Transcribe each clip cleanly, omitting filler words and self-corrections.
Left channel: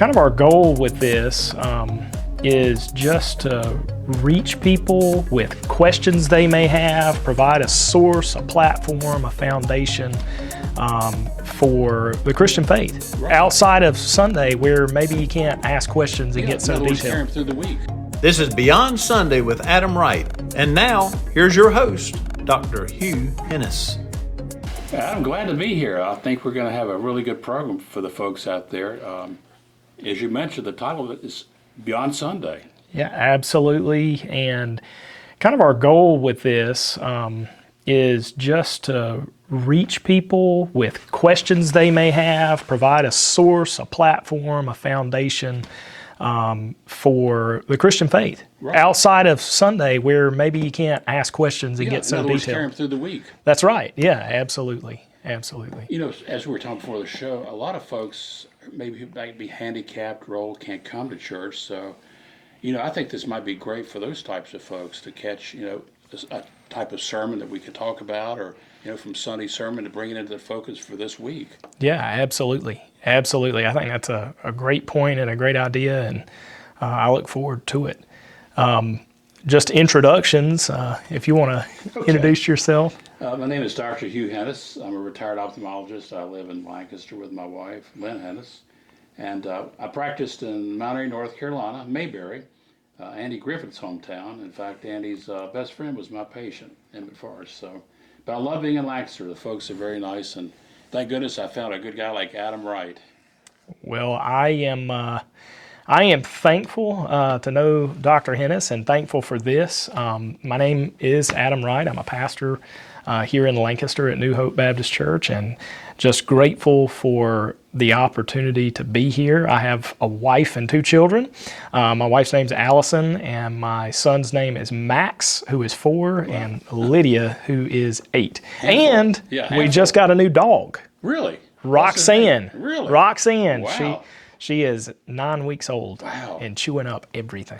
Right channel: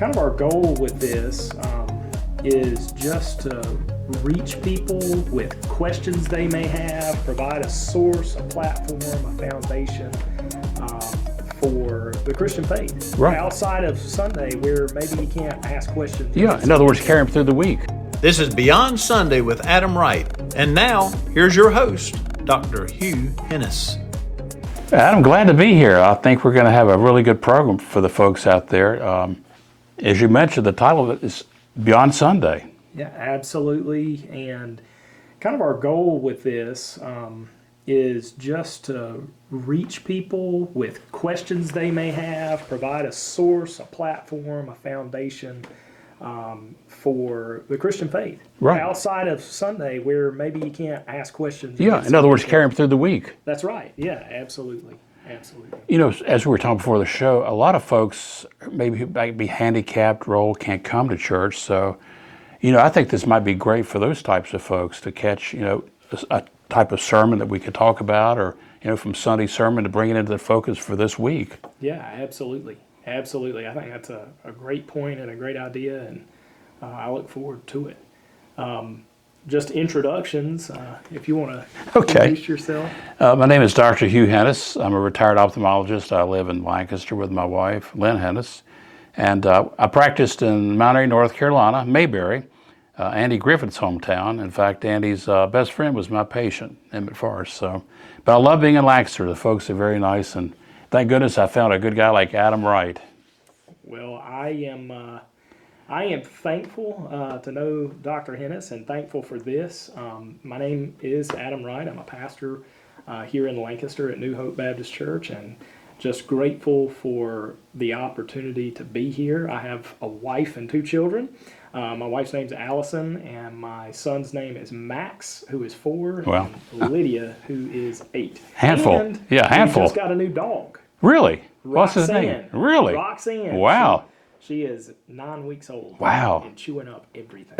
Kind of our goal with this is just to reach people with questions they may have, provide a source, a platform, a foundation for the Christian faith. Right. Outside of Sunday, where maybe you can't ask questions. Yeah, in other words, carry them through the week. This is Beyond Sunday with Adam Wright. And now, here's your host, Dr. Hugh Hennis. Adam, glad to be here. I think we're going to have a really good program for the folks out there. As you mentioned, the title of it is Beyond Sunday. Yeah, absolutely. And kind of our goal with this is just to reach people with questions they may have, provide a source, a platform, a foundation for the Christian faith. Right. Outside of Sunday, where maybe you can't ask questions. And Yeah, get in other words, detailed. carry them through the week. That's right. Yeah, absolutely. Absolutely. You know, as we were talking before the show, a lot of folks maybe who might be handicapped role can't come to church. So, you know, I think this might be great for those types of folks to catch, you know, a type of sermon that we could talk about, or, you know, from Sunday sermon to bring it into the focus for this week. Yeah, absolutely. Absolutely. I think that's a great point and a great idea, and I look forward to it. Just introductions, if you want to introduce yourself. My name is Dr. Hugh Hennis. I'm a retired ophthalmologist. I live in Lancaster with my wife, Lynn Hennes. And I practiced in Mount Airy, North Carolina, Mayberry, Andy Griffith's hometown. In fact, Andy's best friend was my patient, Emmett Forrest. So, but I love being in Lancaster. The folks are very nice, and thank goodness I found a good guy like Adam Wright. Well, I am thankful to know Dr. Hennis and thankful for this. My name is Adam Wright. I'm a pastor here in Lancaster at New Hope Baptist Church, and just grateful for the opportunity to be here. I have a wife and two children. My wife's name's Allison, and my son's name is Max, who is 4, Wow. and Lydia, who is 8. Handful. And Yeah, we handful. just got a new dog, Really? What's his name? Roxanne. Really? Roxanne. Wow. She is 9 weeks old. Wow. And chewing up everything.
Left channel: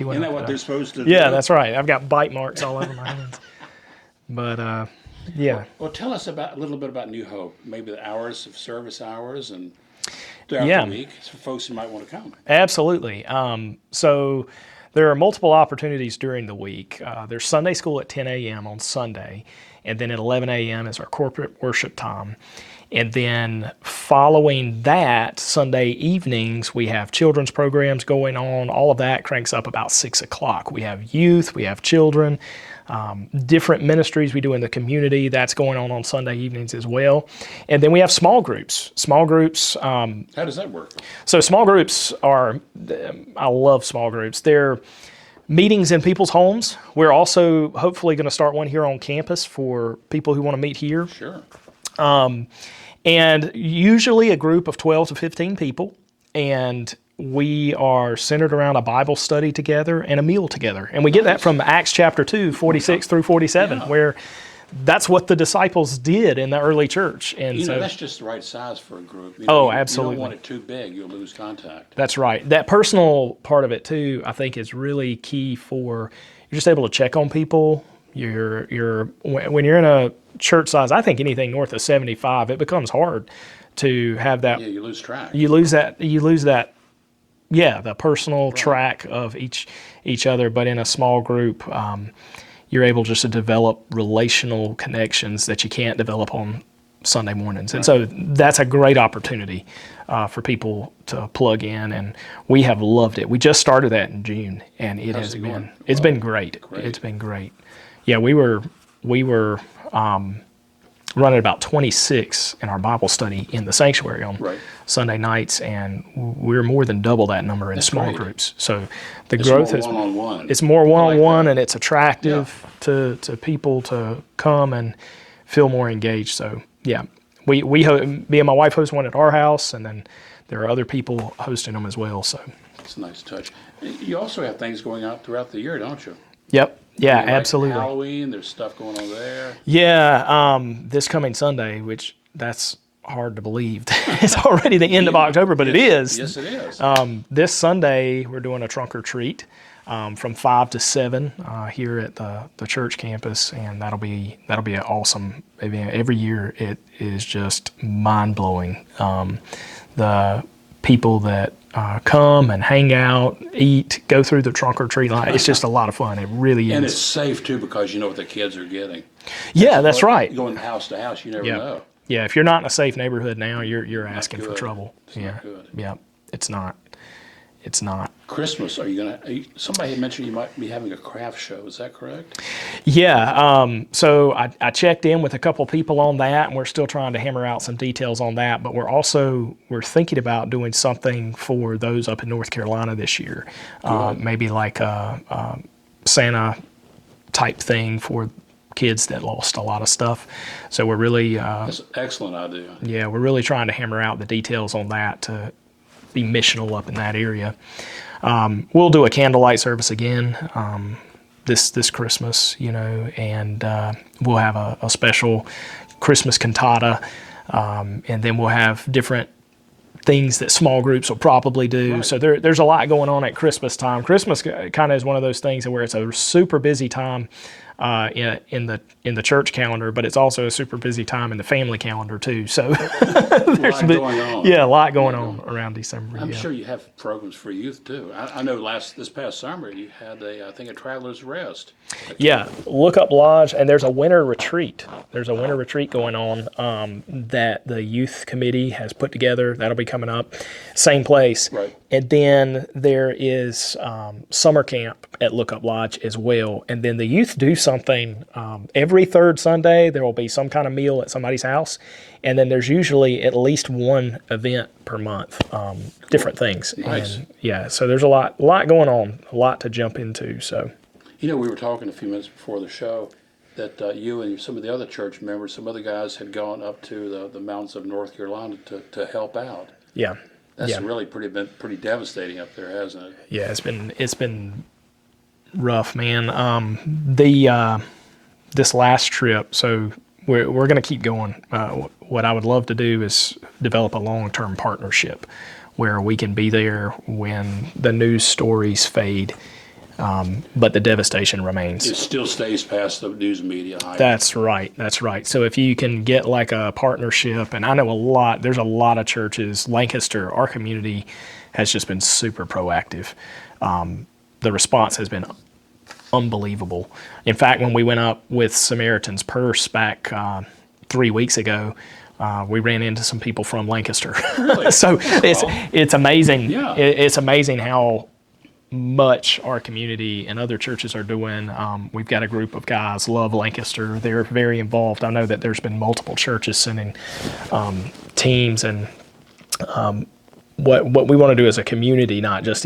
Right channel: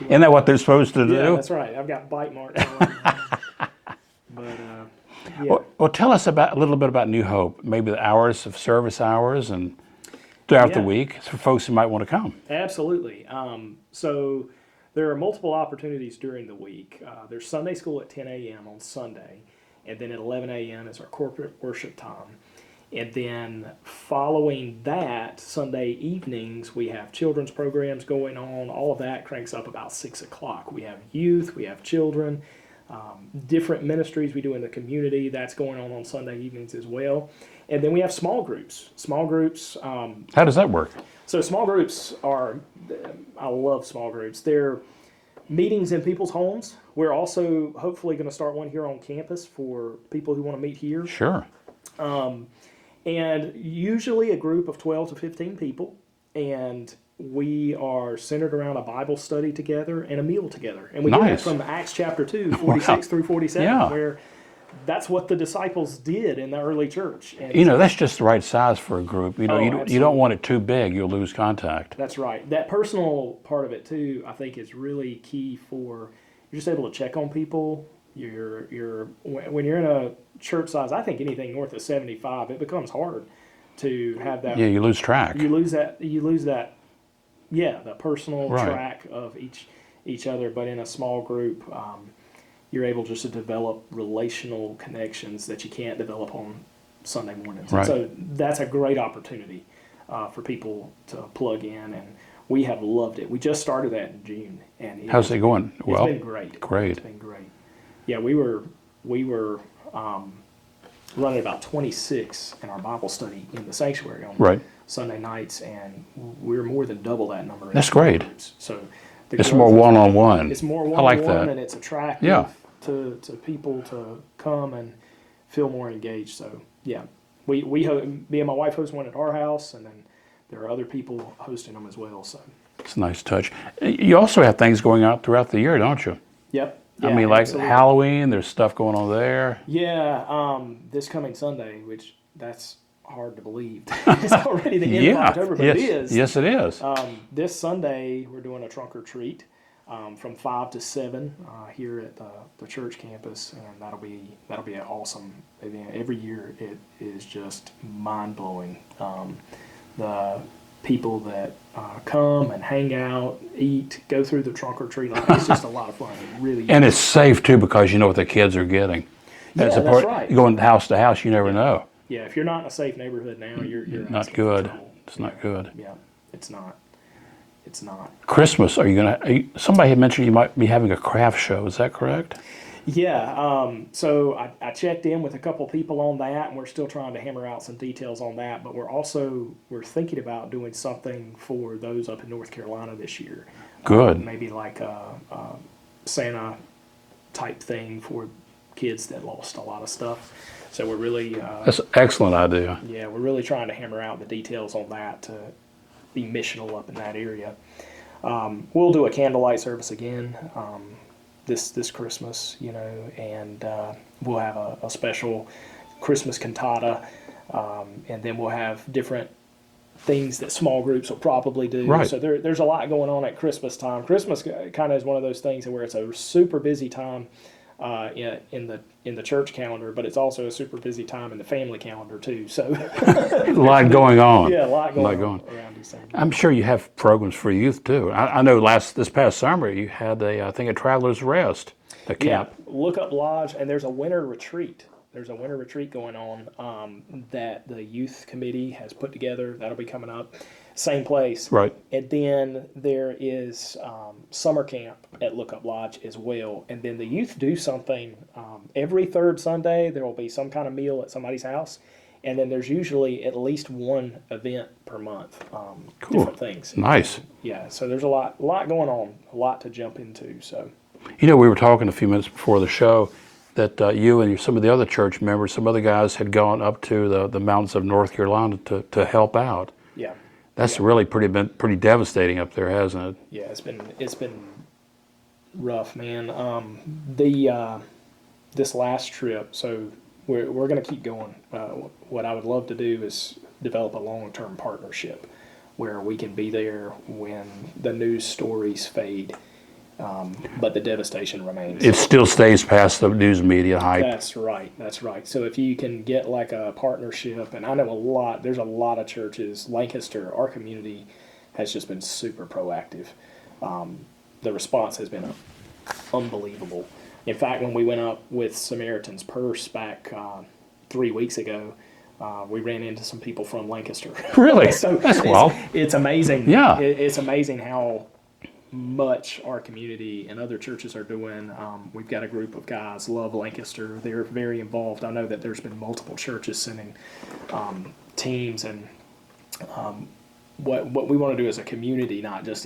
Isn't that what they're supposed to do? Yeah, that's right. I've got bite marks all over my hands. But yeah. Well, tell us a little bit about New Hope, maybe the hours of service hours and throughout Yeah. the week for folks who might want to come. Absolutely. So there are multiple opportunities during the week. There's Sunday school at 10 a.m. on Sunday, and then at 11 a.m. is our corporate worship time. And then following that, Sunday evenings, we have children's programs going on. All of that cranks up about 6 o'clock. We have youth, we have children, different ministries we do in the community. That's going on Sunday evenings as well. And then we have small groups. Small groups. How does that work? So small groups are, I love small groups. They're meetings in people's homes. We're also hopefully going to start one here on campus for people who want to meet here. Sure. And usually a group of 12 to 15 people, and we are centered around a Bible study together and a meal together. And we get that Nice. from Acts chapter 2, 46 through 47, Yeah. where that's what the disciples did in the early church. And You know, so that's just the right size for a group. You Oh, you absolutely. don't want it too big. You'll lose contact. that's right. That personal part of it too, I think, is really key for, you're just able to check on people. When you're in a church size, I think anything north of 75, it becomes hard to have that. Yeah, you lose track. You lose that. Yeah, the personal Right. track of each other. But in a small group, you're able just to develop relational connections that you can't develop on Sunday mornings. And Right. so that's a great opportunity for people to plug in, and we have loved it. We just started that in June, and How's it going? It's Well, been great. great. It's been great. Yeah, we were running about 26 in our Bible study in the sanctuary on Right. Sunday nights, and we're more than double that number in That's small great. groups. So the It's growth more has- one-on-one. It's more I like one-on-one, that. and it's attractive Yeah. to people to come and feel more engaged. So yeah, me and my wife host one at our house, and then there are other people hosting them as well. So It's a nice touch. You also have things going out throughout the year, don't you? yep, yeah, I mean, like absolutely. Halloween, there's stuff going on there. Yeah, this coming Sunday, which that's hard to believe. It's already the end of Yeah. October, but Yes. it is. Yes, it is. This Sunday, we're doing a trunk or treat from 5 to 7 here at the church campus, and that'll be an awesome event. Every year, it is just mind blowing. The people that come and hang out, eat, go through the trunk or treat line. It's just a lot of fun. It really is. And it's safe too because you know what the kids are getting. Yeah, that's right. Going house to house, you never Yeah. know. Yeah, if you're not in a safe neighborhood now, you're Not asking good. for trouble. It's not good. Yeah, it's not. It's not. Christmas, somebody had mentioned you might be having a craft show, is that correct? Yeah, so I checked in with a couple people on that, and we're still trying to hammer out some details on that, but we're thinking about doing something for those up in North Carolina this year. Good. Maybe like a Santa type thing for kids that lost a lot of stuff. So we're really... That's an excellent idea. Yeah, we're really trying to hammer out the details on that to be missional up in that area. We'll do a candlelight service again this Christmas, and we'll have a special Christmas cantata, and then we'll have different things that small groups will probably do. Right. So there's a lot going on at Christmas time. Christmas kind of is one of those things where it's a super busy time in the church calendar, but it's also a super busy time in the family calendar too. So A lot going on. Yeah, a lot going on around December. I'm sure you have programs for youth too. I know this past summer you had I think a Traveler's Rest. Yeah, Look Up Lodge, and there's a winter retreat. There's a winter retreat going on that the youth committee has put together. That'll be coming up. Same place. Right. And then there is summer camp at Look Up Lodge as well. And then the youth do something every third Sunday. There will be some kind of meal at somebody's house. And then there's usually at least one event per month, different things. Nice. And, yeah, so there's a lot going on, a lot to jump into. So. We were talking a few minutes before the show that you and some of the other church members, some other guys had gone up to the mountains of North Carolina to help out. Yeah. That's really been pretty devastating up there, hasn't it? Yeah, it's been rough, man. This last trip, so we're going to keep going. What I would love to do is develop a long-term partnership where we can be there when the news stories fade, but the devastation remains. It still stays past the news media hype. That's right. So if you can get like a partnership, and I know there's a lot of churches, Lancaster, our community has just been super proactive. The response has been unbelievable. In fact, when we went up with Samaritan's Purse back 3 weeks ago, we ran into some people from Lancaster. Really? So it's amazing. Yeah. It's amazing how much our community and other churches are doing. We've got a group of guys, love Lancaster. They're very involved. I know that there's been multiple churches sending teams, and what we want to do as a community, not just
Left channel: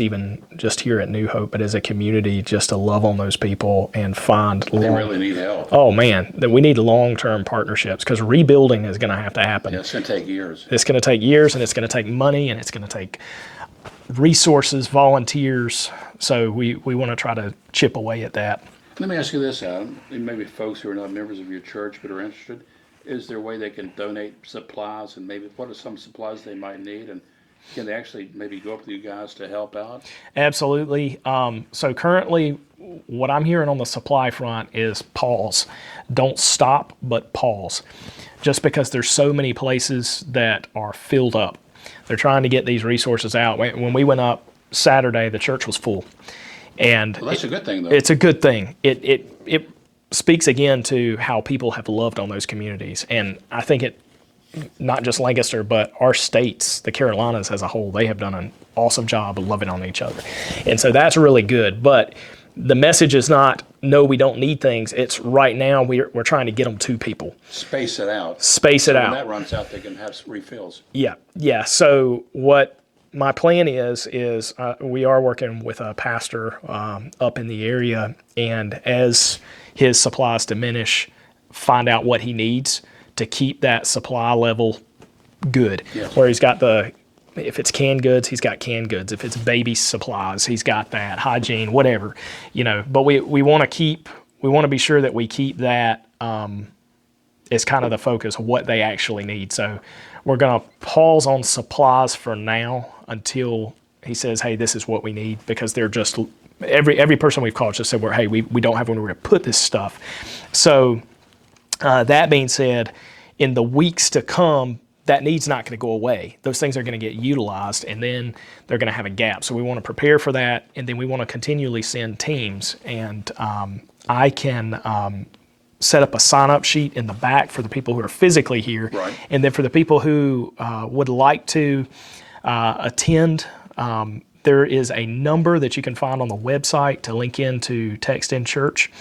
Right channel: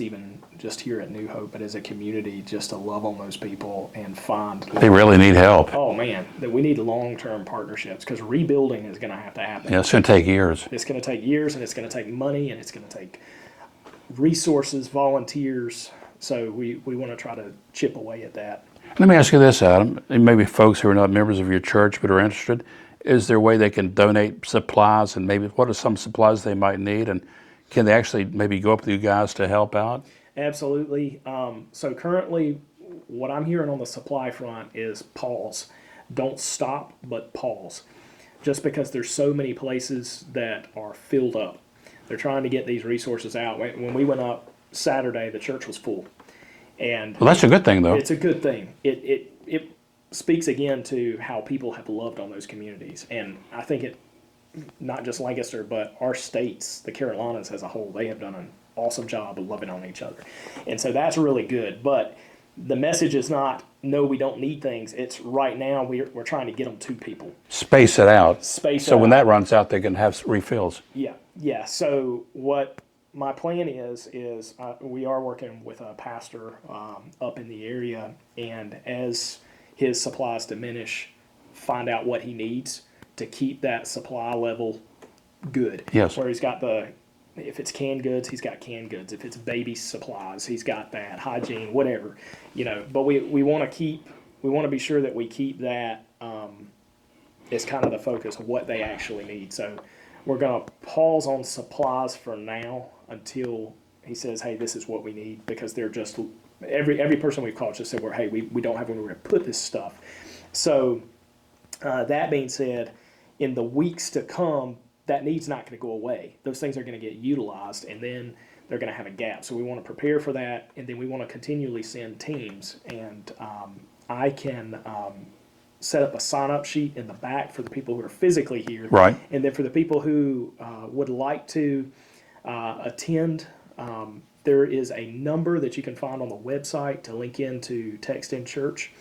here at New Hope, but as a community, just to love on those people and find. They really need help. Oh man, that we need long-term partnerships because rebuilding is going to have to happen. Yeah, it's going to take years. It's going to take years, and it's going to take money, and it's going to take resources, volunteers. So we want to try to chip away at that. Let me ask you this, Adam, and maybe folks who are not members of your church but are interested, is there a way they can donate supplies, and maybe what are some supplies they might need, and can they actually maybe go up with you guys to help out? Absolutely. So currently, what I'm hearing on the supply front is pause. Don't stop, but pause. Just because there's so many places that are filled up. They're trying to get these resources out. When we went up Saturday, the church was full. And Well, that's a good thing, though. It's a good thing. It speaks again to how people have loved on those communities. And I think not just Lancaster, but our states, the Carolinas as a whole, they have done an awesome job of loving on each other. And so that's really good. But the message is not, no, we don't need things. It's right now we're trying to get them to people. Space it out. So when that runs out, they can have refills. Yeah. So what my plan is we are working with a pastor up in the area, and as his supplies diminish, find out what he needs to keep that supply level good. Yes. Where he's got if it's canned goods, he's got canned goods. If it's baby supplies, he's got that. Hygiene, whatever, But we want to be sure that we keep that as kind of the focus of what they actually need. So we're going to pause on supplies for now until he says, hey, this is what we need, because they're just every person we've called just said, hey, we don't have anywhere to put this stuff. So that being said, in the weeks to come, that need's not going to go away. Those things are going to get utilized, and then they're going to have a gap. So we want to prepare for that, and then we want to continually send teams. And I can set up a sign-up sheet in the back for the people who are physically here. Right. And then for the people who would like to attend, there is a number that you can find on the website to link into Text in Church.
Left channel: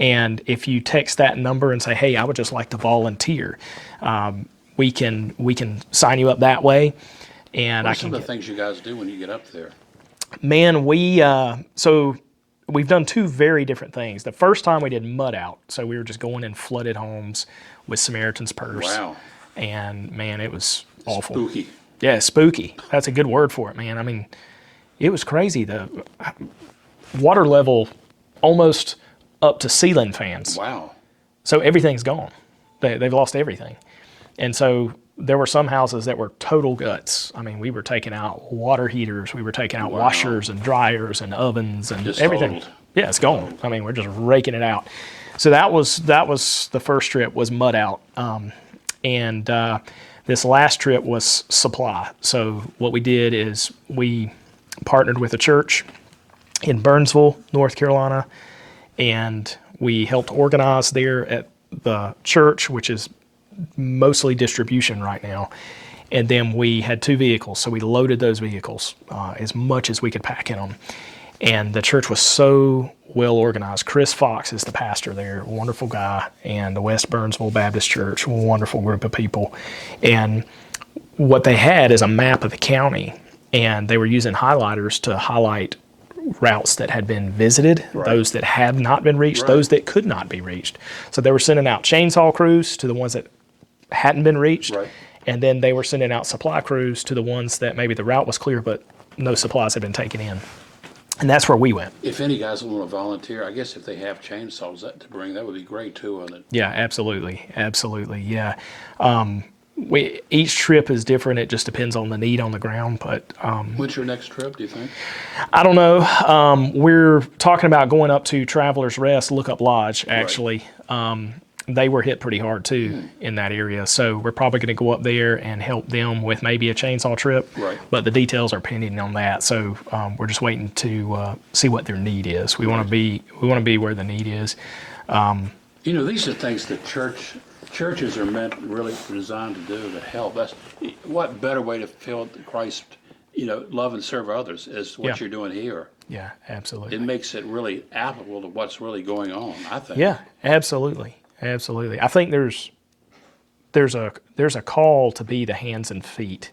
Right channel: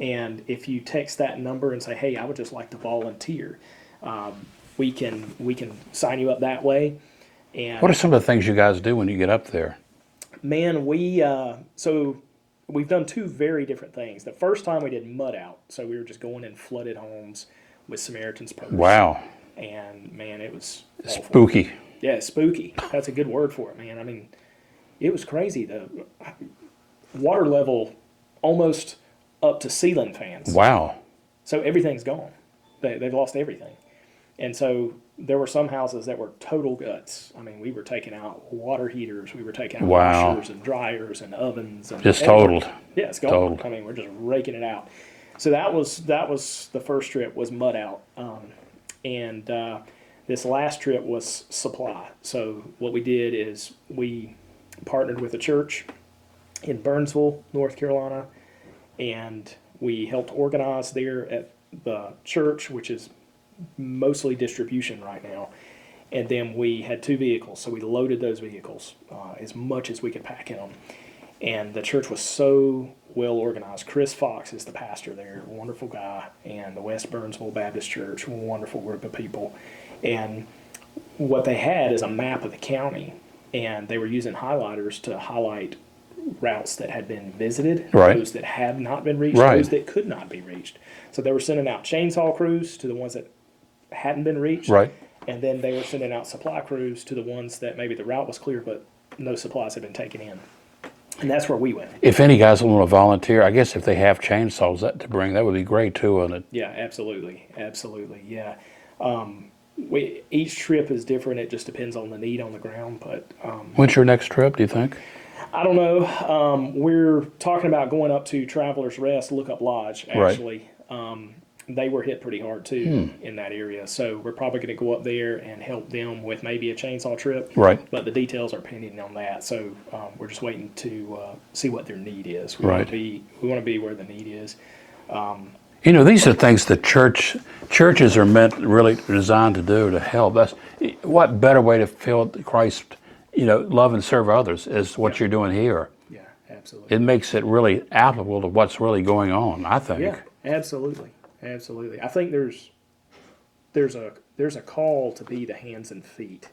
And if you text that number and say, hey, I would just like to volunteer, we can sign you up that way. And What are some of the things you guys do when you get up there? Man, so we've done two very different things. The first time we did mud out, so we were just going in flooded homes with Samaritan's Purse. Wow. And man, it was awful. Spooky. Yeah, spooky. That's a good word for it, man. I mean, it was crazy. The water level almost up to ceiling fans. Wow. So everything's gone. They've lost everything. And so there were some houses that were total guts. I mean, we were taking out water heaters. We were taking out Wow. washers and dryers and ovens and Just everything. totaled. Yeah, it's gone. Totaled. I mean, we're just raking it out. So that was the first trip, was mud out. And this last trip was supply. So what we did is we partnered with a church in Burnsville, North Carolina, and we helped organize there at the church, which is mostly distribution right now. And then we had 2 vehicles, so we loaded those vehicles as much as we could pack in them. And the church was so well organized. Chris Fox is the pastor there, wonderful guy, and the West Burnsville Baptist Church, wonderful group of people. And what they had is a map of the county, and they were using highlighters to highlight routes that had been visited, Right. those that had not been reached, Right. those that could not be reached. So they were sending out chainsaw crews to the ones that hadn't been reached, Right. and then they were sending out supply crews to the ones that maybe the route was clear, but no supplies had been taken in. And that's where we went. If any guys want to volunteer, I guess if they have chainsaws to bring, that would be great too, wouldn't it? Yeah, absolutely. Absolutely, yeah. Each trip is different. It just depends on the need on the ground. But When's your next trip, do you think? I don't know. We're talking about going up to Travelers Rest, Lookup Lodge, actually. They were hit pretty hard too in that area. So we're probably going to go up there and help them with maybe a chainsaw trip. Right. But the details are pending on that. So we're just waiting to see what their need is. We want to be where the need is. You know, these are things that churches are really designed to do, to help. That's what better way to feel Christ, love and serve others is what Yeah. you're doing here. Yeah, absolutely. It makes it really applicable to what's really going on, I think. Yeah, absolutely. Absolutely. I think there's a call to be the hands and feet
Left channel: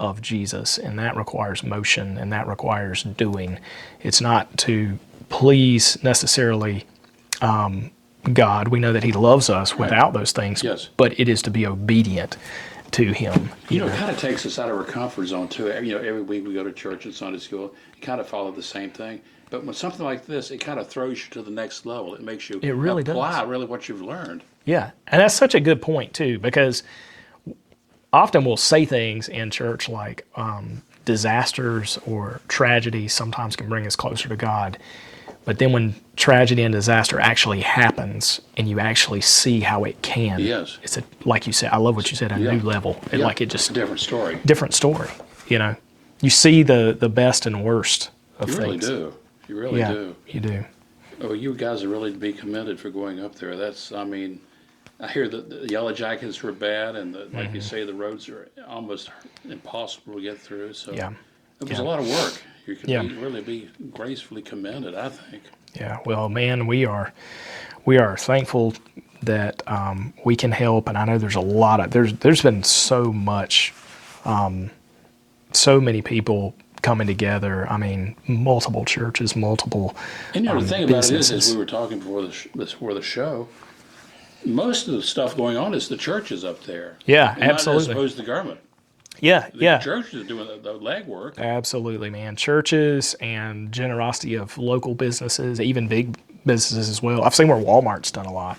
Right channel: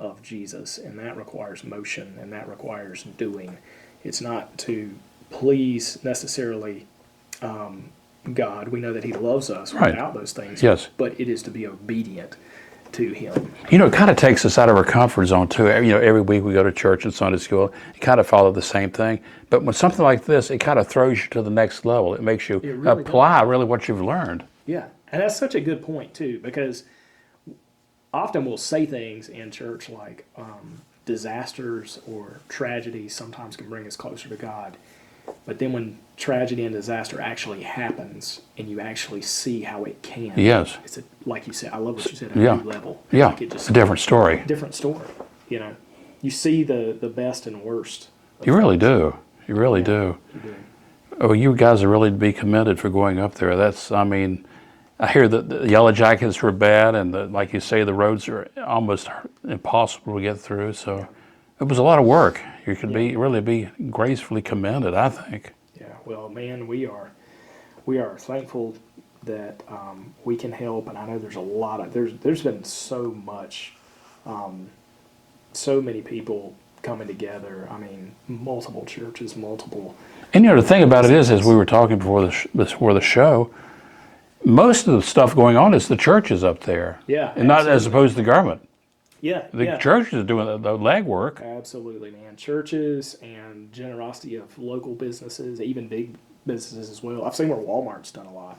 of Jesus, and that requires motion and that requires doing. It's not to please necessarily God. We know that He loves us Right. without those things. Yes. But it is to be obedient to Him. It kind of takes us out of our comfort zone too. Every week we go to church and Sunday school, you kind of follow the same thing. But when something like this, it kind of throws you to the next level. It makes you really apply really what you've learned. Yeah, and that's such a good point too, because often we'll say things in church like disasters or tragedies sometimes can bring us closer to God. But then when tragedy and disaster actually happens and you actually see how it can, Yes. it's like you said, I love what you said, a Yeah. new level. Yeah, Like it just it's a different story. different story. You see the best and worst of You really things. do. You really Yeah, do. You do. Oh, you guys are really to be commended for going up there. I hear that the Yellow Jackets were bad, and like you say, the roads are almost impossible to get through. So Yeah. it was a lot of work. You could Yeah. really be gracefully commended, I think. Yeah, well, man, we are thankful that we can help, and I know there's a lot of there's been so much, so many people coming together. I mean, multiple churches, multiple. And the thing about it is, as businesses. we were talking before the show, most of the stuff going on is the churches up there. Yeah, and not as absolutely. opposed to the government. Yeah, The yeah, churches are doing the legwork. absolutely, man. Churches and generosity of local businesses, even big businesses as well. I've seen where Walmart's done a lot,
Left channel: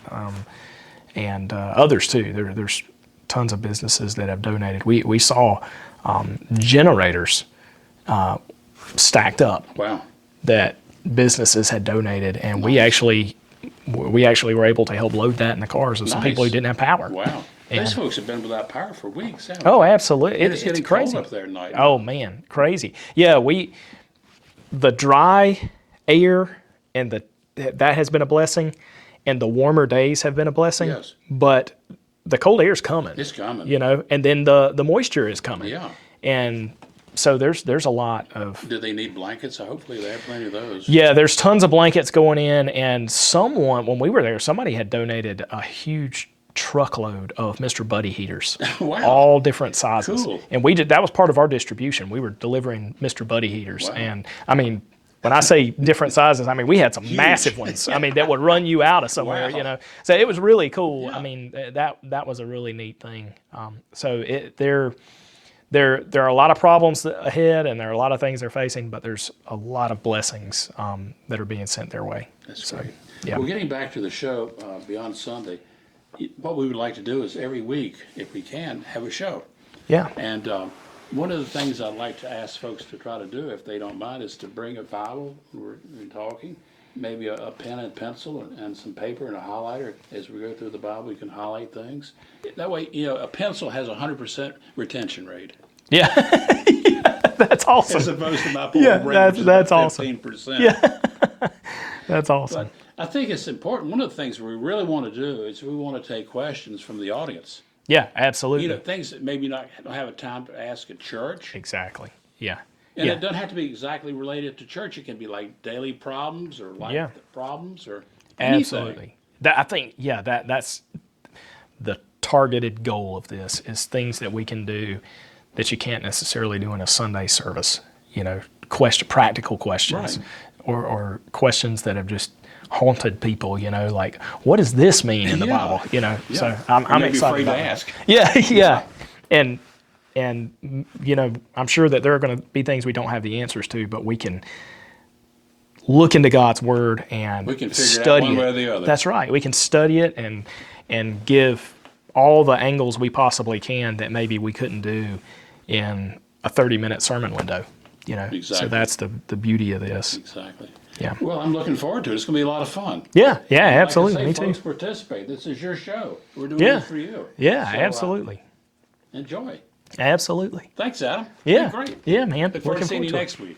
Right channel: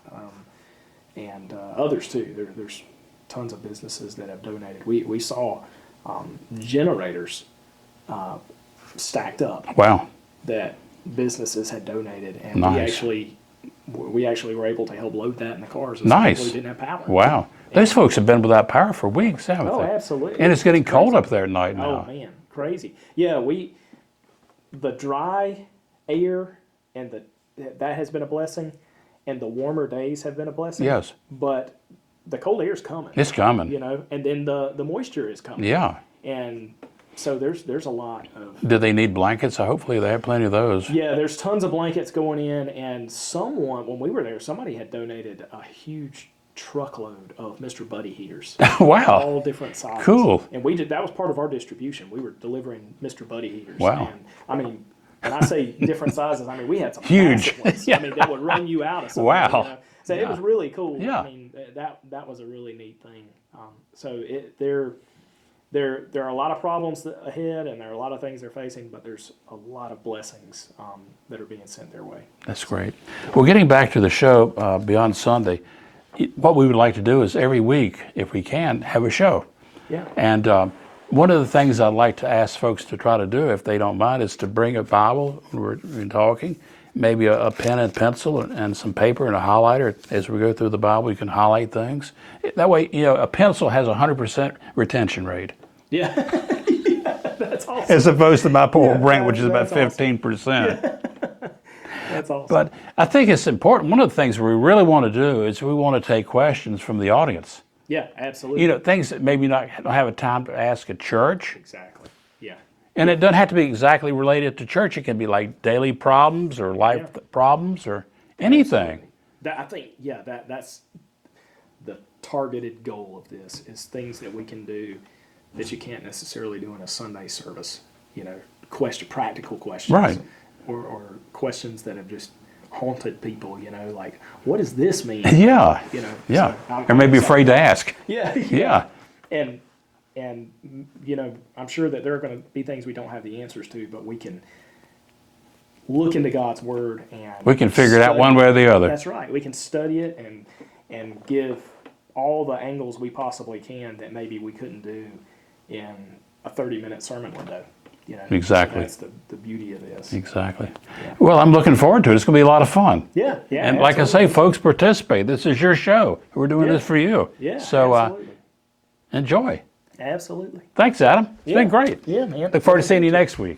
and others too. There's tons of businesses that have donated. We saw generators stacked up Wow. that businesses had donated, and Nice. we actually were able to help load that in the cars of some Nice. people who didn't have power. Wow. Those folks have been without power for weeks, haven't Oh, they? absolutely. And it's getting cold crazy. up there at night Oh now. man, crazy. Yeah, the dry air and that has been a blessing, and the warmer days have been a blessing. Yes. But the cold air is coming. It's coming. You know, and then the moisture is coming. Yeah. And so there's a lot of. Do they need blankets? Hopefully they have plenty of those. Yeah, there's tons of blankets going in, and when we were there, somebody had donated a huge truckload of Mr. Buddy heaters. Wow. All different sizes. Cool. And that was part of our distribution. We were delivering Mr. Buddy heaters. Wow. And I mean, when I say different sizes, I mean, we had some massive ones. I mean, that would run you out of somewhere, Wow. you know. So it was really cool. Yeah. I mean, that was a really neat thing. There are a lot of problems ahead, and there are a lot of things they're facing, but there's a lot of blessings that are being sent their way. That's great. Yeah. Well, getting back to the show Beyond Sunday, what we would like to do is every week, if we can, have a show. Yeah. And one of the things I'd like to ask folks to try to do, if they don't mind, is to bring a Bible when we're talking, maybe a pen and pencil and some paper and a highlighter. As we go through the Bible, you can highlight things. That way, you know, a pencil has a 100% retention rate. Yeah. That's awesome. As opposed to my poor brain, which is about that's awesome. 15%. Yeah. That's awesome. But I think it's important. One of the things we really want to do is we want to take questions from the audience. Yeah, absolutely. You know, things that maybe don't have a time to ask at church. Exactly. Yeah. And it doesn't have to be exactly related to church. It can be like daily problems or life problems or anything. Absolutely. I think, that's the targeted goal of this, is things that we can do that you can't necessarily do in a Sunday service. You know, practical questions. Right. Or questions that have just haunted people, you know, like, what does this mean? in the Yeah. Bible? You know, Yeah. so I'm or maybe excited afraid to about it. ask. Yeah. And you know, I'm sure that there are going to be things we don't have the answers to, but we can look into God's Word and We can figure it out one study way or the other. That's right. We can study it and give all the angles we possibly can that maybe we couldn't do in a 30-minute sermon window. You know, Exactly. So that's the beauty of this. Exactly. Yeah. Well, I'm looking forward to it. It's going to be a lot of fun. Yeah, And like I absolutely. say, Me too. folks, participate. This is your show. We're doing this for you. Yeah, So, absolutely. Enjoy. Absolutely. Thanks, Adam. It's Yeah, been great. Yeah, man. Look forward to seeing you next week.